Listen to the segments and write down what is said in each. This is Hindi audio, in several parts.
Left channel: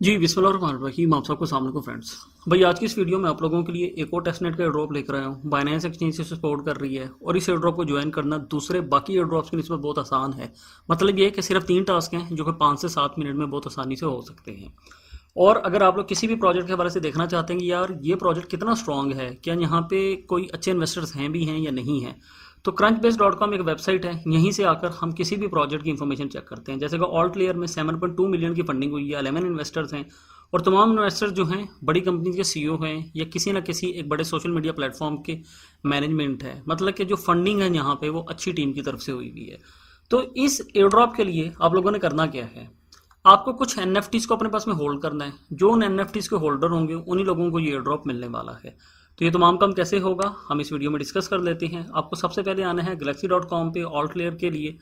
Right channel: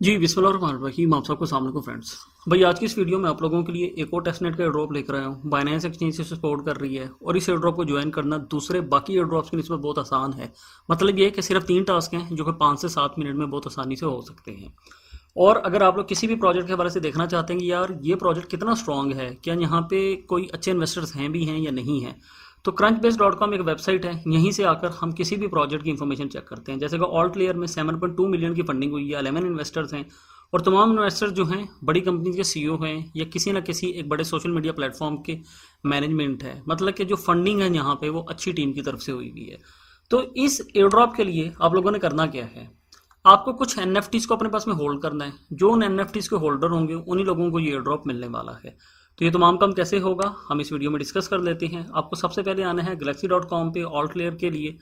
जी बिस्मिल्लाहिर्रहमानिर्रहीम। आप सबको सामने को फ्रेंड्स, भाई आज की इस वीडियो में आप लोगों के लिए एक और टेस्टनेट का एयर ड्रॉप लेकर आया हूँ। बाइनेंस एक्सचेंज से सपोर्ट कर रही है और इस एयर ड्रॉप को ज्वाइन करना दूसरे बाकी एयर ड्रॉप्स की निस्बत बहुत आसान है। मतलब ये है कि सिर्फ 3 टास्क हैं जो कि 5 से 7 मिनट में बहुत आसानी से हो सकते हैं। और अगर आप लोग किसी भी प्रोजेक्ट के हवाले से देखना चाहते हैं कि यार ये प्रोजेक्ट कितना स्ट्रांग है, क्या यहाँ पे कोई अच्छे इन्वेस्टर्स हैं भी हैं या नहीं है, तो crunchbase.com एक वेबसाइट है। यहीं से आकर हम किसी भी प्रोजेक्ट की इन्फॉर्मेशन चेक करते हैं। जैसे कि ऑल्ट लेयर में 7.2 मिलियन की फंडिंग हुई है, 11 इन्वेस्टर्स हैं और तमाम इन्वेस्टर जो हैं बड़ी कंपनी के सीईओ हैं या किसी ना किसी एक बड़े सोशल मीडिया प्लेटफॉर्म के मैनेजमेंट है। मतलब कि जो फंडिंग है यहाँ पे वो अच्छी टीम की तरफ से हुई हुई है। तो इस एयर ड्रॉप के लिए आप लोगों ने करना क्या है, आपको कुछ एनएफटीज को अपने पास में होल्ड करना है। जो उन एनएफटीज के होल्डर होंगे उन्हीं लोगों को ये एयर ड्रॉप मिलने वाला है। तो ये तमाम काम कैसे होगा हम इस वीडियो में डिस्कस कर लेते हैं। आपको सबसे पहले आना है galaxy.com पे ऑल्ट लेयर के लिए,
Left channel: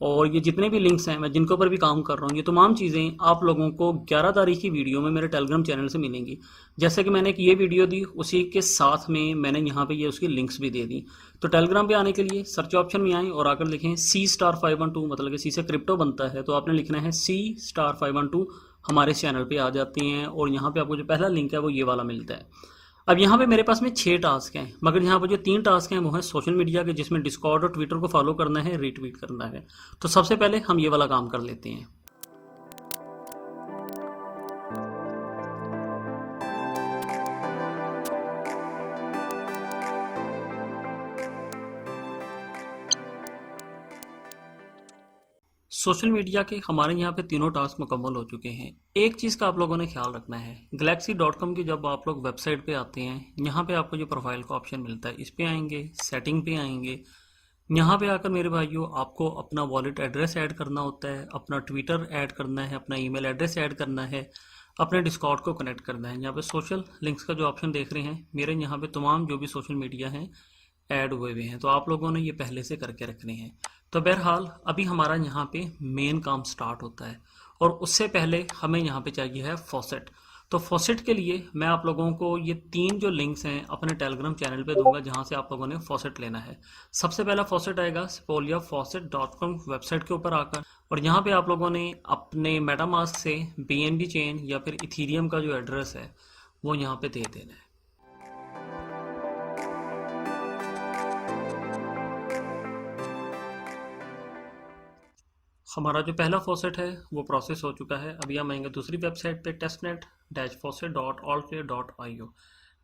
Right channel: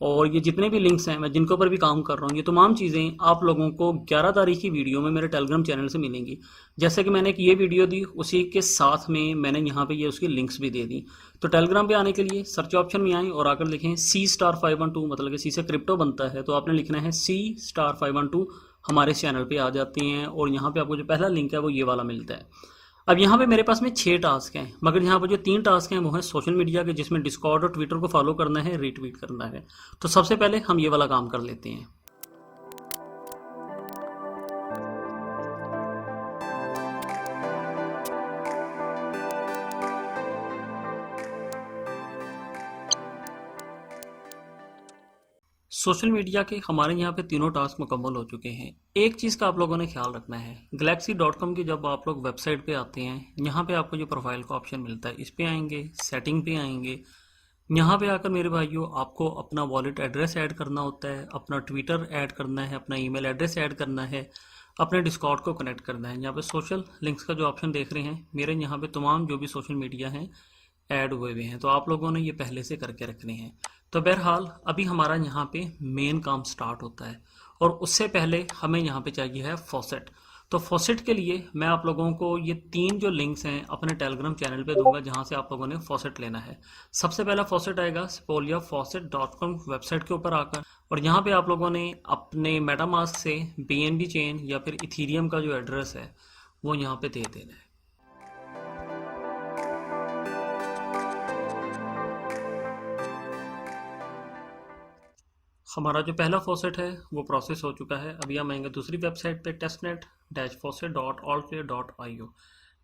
और ये जितने भी लिंक्स हैं मैं जिनके ऊपर भी काम कर रहा हूँ ये तमाम चीज़ें आप लोगों को 11 तारीख की वीडियो में मेरे टेलीग्राम चैनल से मिलेंगी। जैसे कि मैंने एक ये वीडियो दी उसी के साथ में मैंने यहाँ पे ये उसकी लिंक्स भी दे दी। तो टेलीग्राम पे आने के लिए सर्च ऑप्शन में आए और आकर लिखें C*512, मतलब कि सी से क्रिप्टो बनता है तो आपने लिखना है C*512। हमारे चैनल पे आ जाती हैं और यहाँ पे आपको जो पहला लिंक है वो ये वाला मिलता है। अब यहाँ पे मेरे पास में 6 टास्क हैं, मगर यहाँ पर जो 3 टास्क हैं वो हैं सोशल मीडिया के, जिसमें डिस्कॉर्ड और ट्विटर को फॉलो करना है, रीट्वीट करना है। तो सबसे पहले हम ये वाला काम कर लेते हैं। सोशल मीडिया के हमारे यहाँ पे तीनों टास्क मुकम्मल हो चुके हैं। एक चीज़ का आप लोगों ने ख्याल रखना है, galaxy.com की जब आप लोग वेबसाइट पे आते हैं यहाँ पे आपको जो प्रोफाइल का ऑप्शन मिलता है इस पे आएंगे, सेटिंग पे आएंगे। यहाँ पे आकर मेरे भाइयों आपको अपना वॉलेट एड्रेस ऐड करना होता है, अपना ट्विटर ऐड करना है, अपना ईमेल एड्रेस ऐड करना है, अपने डिस्कॉर्ड को कनेक्ट करना है। यहाँ पे सोशल लिंक्स का जो ऑप्शन देख रहे हैं मेरे यहाँ पे तमाम जो भी सोशल मीडिया हैं ऐड हुए हुए हैं, तो आप लोगों ने ये पहले से करके रखने हैं। तो बहरहाल अभी हमारा यहाँ पे मेन काम स्टार्ट होता है और उससे पहले हमें यहाँ पे चाहिए है फॉसेट। तो फॉसेट के लिए मैं आप लोगों को ये 3 जो लिंक्स हैं अपने टेलीग्राम चैनल पे दूंगा जहाँ से आप लोगों ने फॉसेट लेना है। सबसे पहला फॉसेट आएगा spoliafaucet.com वेबसाइट के ऊपर आकर, और यहाँ पे आप लोगों ने अपने मेटामास्क से बीएनबी चेन या फिर इथीरियम का जो एड्रेस है वो यहाँ पे दे देना है। हमारा जो पहला फॉसेट है वो प्रोसेस हो चुका है। अभी हम आएंगे दूसरी वेबसाइट पे testnet-faucet.altway.io।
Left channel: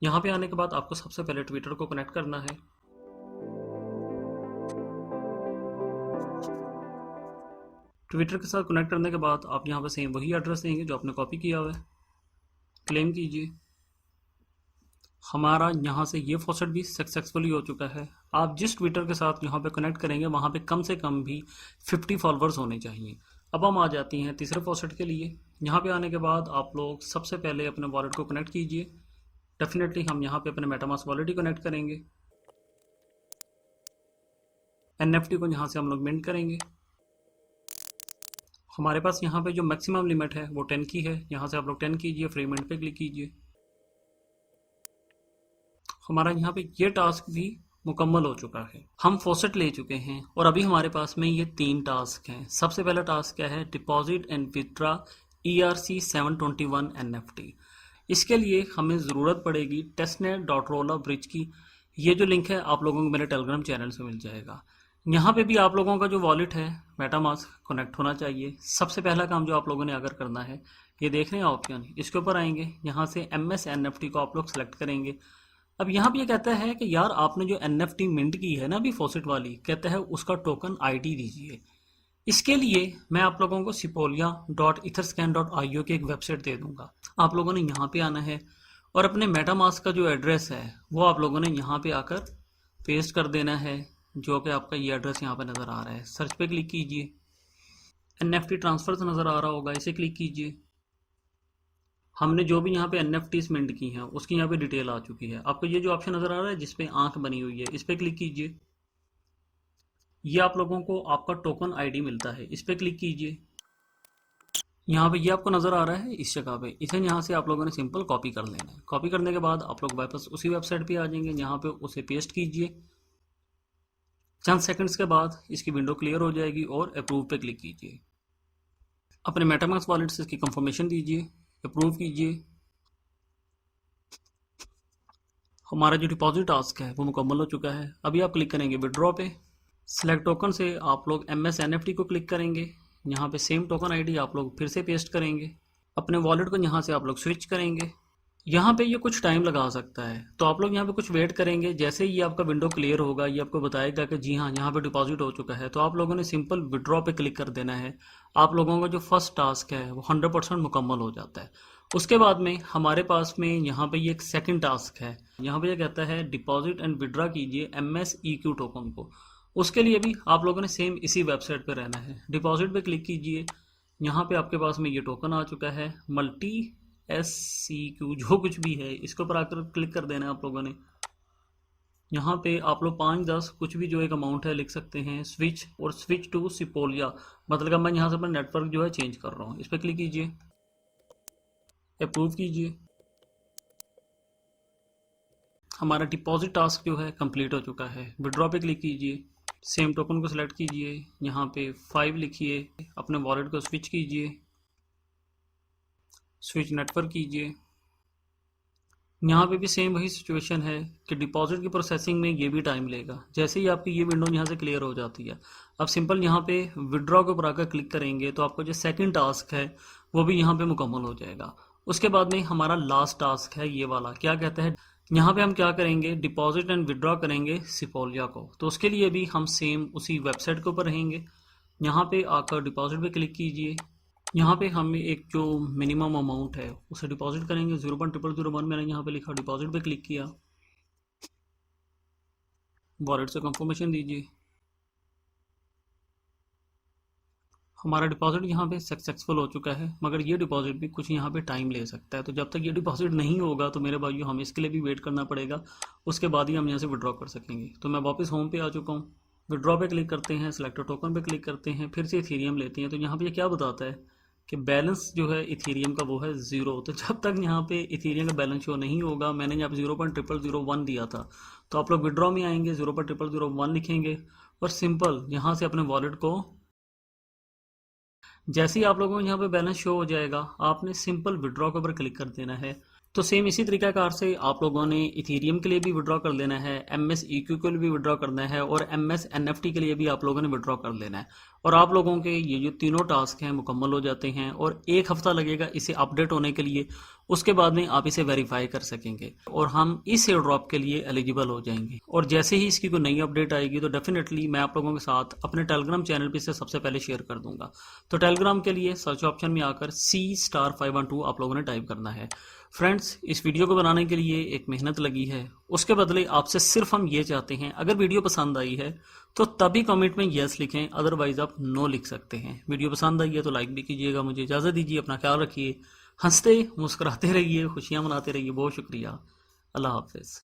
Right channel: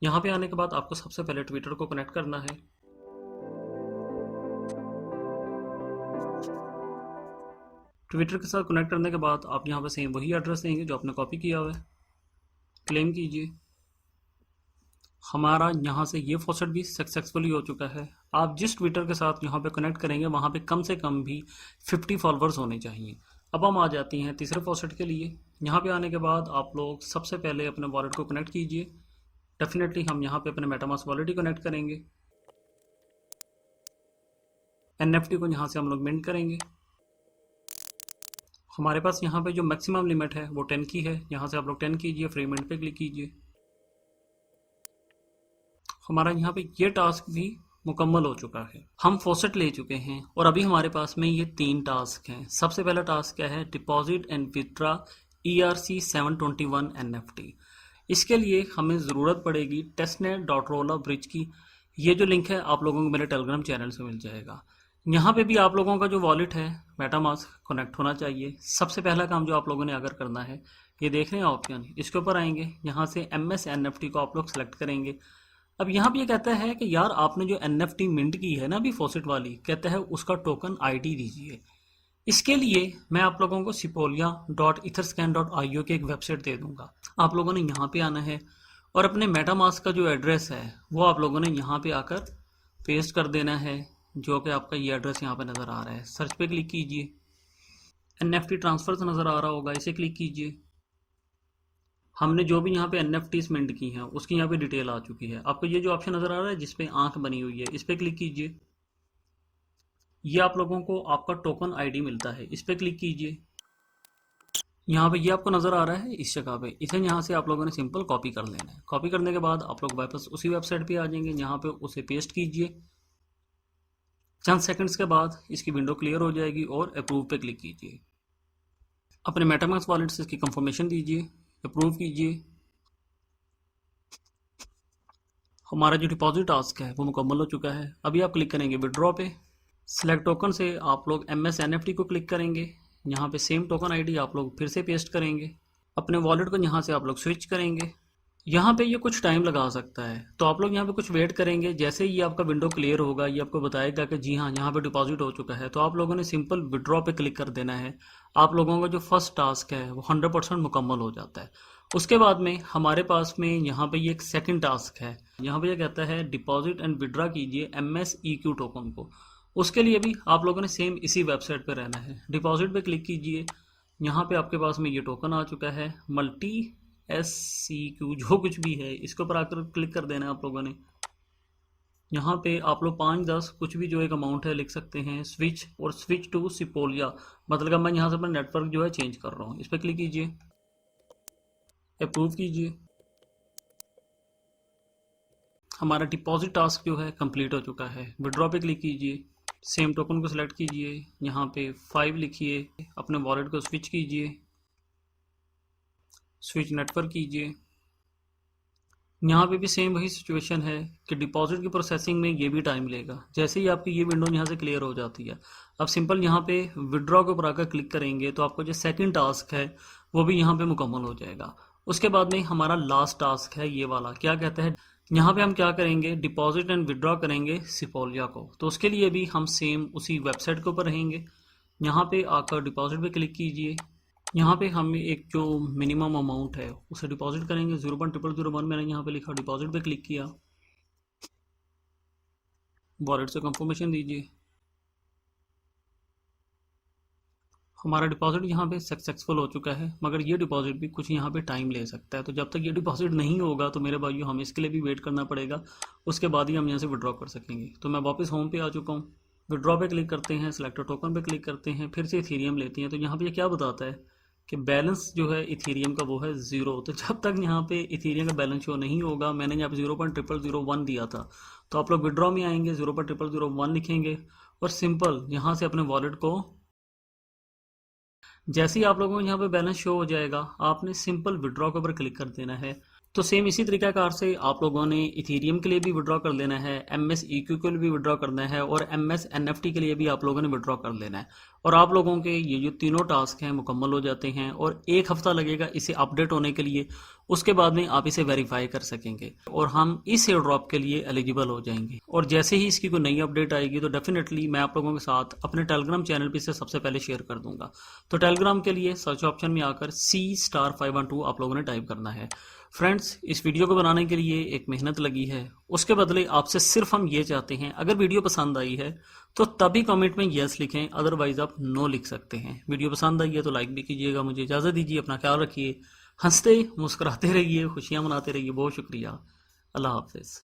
यहाँ पे आने के बाद आपको सबसे पहले ट्विटर को कनेक्ट करना है। ट्विटर के साथ कनेक्ट करने के बाद आप यहाँ पे सेम वही एड्रेस देंगे जो आपने कॉपी किया हुआ है, क्लेम कीजिए। हमारा यहाँ से ये फॉसेट भी सक्सेसफुली हो चुका है। आप जिस ट्विटर के साथ यहाँ पे कनेक्ट करेंगे वहाँ पे कम से कम भी 50 फॉलोअर्स होने चाहिए। अब हम आ जाते हैं तीसरे फॉसेट के लिए। यहाँ पे आने के बाद आप लोग सबसे पहले अपने वॉलेट को कनेक्ट कीजिए। डेफिनेटली हम यहाँ पे अपने मेटामास्क वॉलेट ही कनेक्ट करेंगे। एनएफटी को यहाँ से हम लोग मिंट करेंगे। हमारे पास यहाँ पे जो मैक्सिमम लिमिट है वो 10 की है, यहाँ से आप लोग 10 कीजिए, फ्री मिंट पे क्लिक कीजिए। हमारा यहाँ पे ये टास्क भी मुकम्मल हो चुका है, हम फॉसेट ले चुके हैं और अभी हमारे पास में ये 3 टास्क हैं। सबसे पहला टास्क क्या है, deposit and withdraw ERC721 NFT। इसके लिए हमें ज़रूरत पड़ेगी testnet.rolla-bridge की। ये जो लिंक है आप लोगों को मेरे टेलीग्राम चैनल से मिल जाएगा। यहाँ पे भी आप लोगों का जो वॉलेट है मेटामास्क कनेक्ट होना चाहिए। सबसे पहला काम जो आप लोगों ने अगर करना है, ये देख रहे हैं ऑप्शन, इसके ऊपर आएंगे, यहाँ से MS NFT को आप लोग सेलेक्ट करेंगे। अब यहाँ पे ये कहता है कि यार आपने जो NFT मिंट की है ना अभी फॉसेट वाली, कहता है उसका टोकन ID दीजिए। इसके लिए मैं आप लोगों को sipolia.etherscan.io की एक वेबसाइट दे दूंगा। आप लोगों ने यहाँ पे आना है और अपने मेटामास्क का जो एड्रेस है वो आप लोगों ने यहाँ पे आकर पेस्ट कर देना है, जो कि आपका ये एड्रेस यहाँ पे नज़र आ रहा है। सर्च पे क्लिक कीजिए, NFT ट्रांसफर नज़र आ रहा होगा, इसे क्लिक कीजिए। हमने जो भी यहाँ पे NFTs मिंट की हैं उसकी यहाँ पे डिटेल आ चुकी है। आपको ये जो ऑप्शन नज़र आ रहा है जिसपे आंख बनी हुई है इस पर क्लिक कीजिए। ये आप लोगों को आपका टोकन ID मिलता है, इस पर क्लिक कीजिए। यहाँ पे ये आपको नज़र आ रहा है इस जगह पे, इसे यहाँ से आप लोगों ने सिंपल कॉपी कर लेना है। कॉपी करने के बाद आप लोग वापस उसी वेबसाइट पे आ जाएंगे, यहाँ पे उसे पेस्ट कीजिए। चंद सेकंड्स के बाद इसकी विंडो क्लियर हो जाएगी और अप्रूव पे क्लिक कीजिए। अपने मेटामास्क वॉलेट से इसकी कंफर्मेशन दीजिए अप्रूव कीजिए। हमारा जो डिपॉजिट टास्क है वो मुकम्मल हो चुका है। अभी आप क्लिक करेंगे विड्रॉ पे। सिलेक्ट टोकन से आप लोग MS NFT को क्लिक करेंगे। यहाँ पे सेम टोकन आईडी आप लोग फिर से पेस्ट करेंगे। अपने वॉलेट को यहाँ से आप लोग स्विच करेंगे। यहाँ पे ये कुछ टाइम लगा सकता है, तो आप लोग यहाँ पे कुछ वेट करेंगे। जैसे ही ये आपका विंडो क्लियर होगा, ये आपको बताएगा कि जी हाँ यहाँ पे डिपॉजिट हो चुका है, तो आप लोगों ने सिंपल विड्रॉ पे क्लिक कर देना है। आप लोगों का जो फर्स्ट टास्क है वो 100% मुकम्मल हो जाता है। उसके बाद में हमारे पास में यहाँ पे ये एक सेकंड टास्क है। यहाँ पे ये कहता है डिपॉजिट एंड विड्रॉ कीजिए MSEQ टोकन को। उसके लिए भी आप लोगों ने सेम इसी वेबसाइट पे रहना है। डिपॉजिट पे क्लिक कीजिए। यहाँ पे आपके पास में ये टोकन आ चुका है मल्टी SCQ, जो कुछ भी है, इसके ऊपर आकर क्लिक कर देना है आप लोगों ने। यहाँ पे आप लोग 5-10 कुछ भी जो एक अमाउंट है लिख सकते हैं। स्विच और स्विच टू सिपोलिया, मतलब मैं यहाँ से अपना नेटवर्क जो है चेंज कर रहा हूँ। इस पर क्लिक कीजिए, अप्रूव कीजिए। हमारा डिपॉजिट टास्क जो है कंप्लीट हो चुका है। विड्रॉ पे क्लिक कीजिए, सेम टोकन को सिलेक्ट कीजिए, यहाँ पे 5 लिखिए, अपने वॉलेट को स्विच कीजिए, स्विच नेटवर्क कीजिए। यहाँ पे भी सेम वही सिचुएशन है कि डिपॉजिट की प्रोसेसिंग में ये भी टाइम लेगा। जैसे ही आपकी ये विंडो यहाँ से क्लियर हो जाती है, अब सिंपल यहाँ पे विड्रॉ के ऊपर आकर क्लिक करेंगे तो आपको जो सेकंड टास्क है वो भी यहाँ पे मुकम्मल हो जाएगा। उसके बाद में हमारा लास्ट टास्क है ये वाला। क्या कहता है, यहाँ पे हम क्या करेंगे, डिपॉजिट एंड विड्रॉ करेंगे सिपोलिया को। तो उसके लिए भी हम सेम उसी वेबसाइट के ऊपर रहेंगे। यहाँ पे आकर डिपॉजिट पे क्लिक कीजिए। यहाँ पे हम एक जो मिनिमम अमाउंट है उसे डिपॉजिट करेंगे। 0.0001 मैंने यहाँ पे लिखा, डिपॉजिट पे क्लिक किया, वॉलेट से कंफर्मेशन दीजिए। हमारा डिपॉजिट यहाँ पे सक्सेसफुल हो चुका है, मगर ये डिपॉजिट भी कुछ यहाँ पे टाइम ले सकता है। तो जब तक ये डिपॉजिट नहीं होगा तो मेरे भाइयों हमें इसके लिए भी वेट करना पड़ेगा। उसके बाद ही हम यहाँ से विड्रॉ कर सकेंगे। तो मैं वापस होम पे आ चुका हूँ। विड्रॉ पे क्लिक करते हैं, सिलेक्ट टोकन पे क्लिक करते हैं, फिर से इथेरियम लेते हैं। तो यहाँ पे ये क्या बताता है कि बैलेंस जो है इथेरियम का वो है 0। तो जब तक यहाँ पे इथेरियम का बैलेंस शो नहीं होगा, मैंने यहाँ पे 0.0001 दिया था, तो आप लोग विड्रॉ में आएंगे, 0.0001 लिखेंगे और सिंपल यहाँ से अपने वॉलेट को, जैसे ही आप लोगों को यहाँ पे बैलेंस शो हो जाएगा, आपने सिंपल विड्रॉ के ऊपर क्लिक कर देना है। तो सेम इसी तरीकाकार से आप लोगों ने इथेरियम के लिए भी विड्रॉ कर लेना है, MSEQ के लिए भी विड्रॉ करना है और MS NFT के लिए भी आप लोगों ने विड्रॉ कर लेना है। और आप लोगों के ये जो तीनों टास्क हैं मुकम्मल हो जाते हैं और 1 हफ्ता लगेगा इसे अपडेट होने के लिए। उसके बाद में आप इसे वेरीफाई कर सकेंगे और हम इस एयर ड्रॉप के लिए एलिजिबल हो जाएंगे। और जैसे ही इसकी कोई नई अपडेट आएगी तो डेफिनेटली मैं आप लोगों के साथ अपने टेलीग्राम चैनल पर इसे सबसे पहले शेयर कर दूंगा। तो टेलीग्राम के लिए सर्च ऑप्शन में आकर C*512 आप लोगों ने टाइप करना है। फ्रेंड्स, इस वीडियो को बनाने के लिए एक मेहनत लगी है, उसके बदले आपसे सिर्फ हम ये चाहते हैं, अगर वीडियो पसंद आई है तो तभी कमेंट में यस लिखें, अदरवाइज आप नो लिख सकते हैं। वीडियो पसंद आई है तो लाइक भी कीजिएगा। मुझे इजाज़त दीजिए, अपना ख्याल रखिए, हंसते मुस्कुराते रहिए, खुशियां मनाते रहिए। बहुत शुक्रिया, अल्लाह हाफिज़।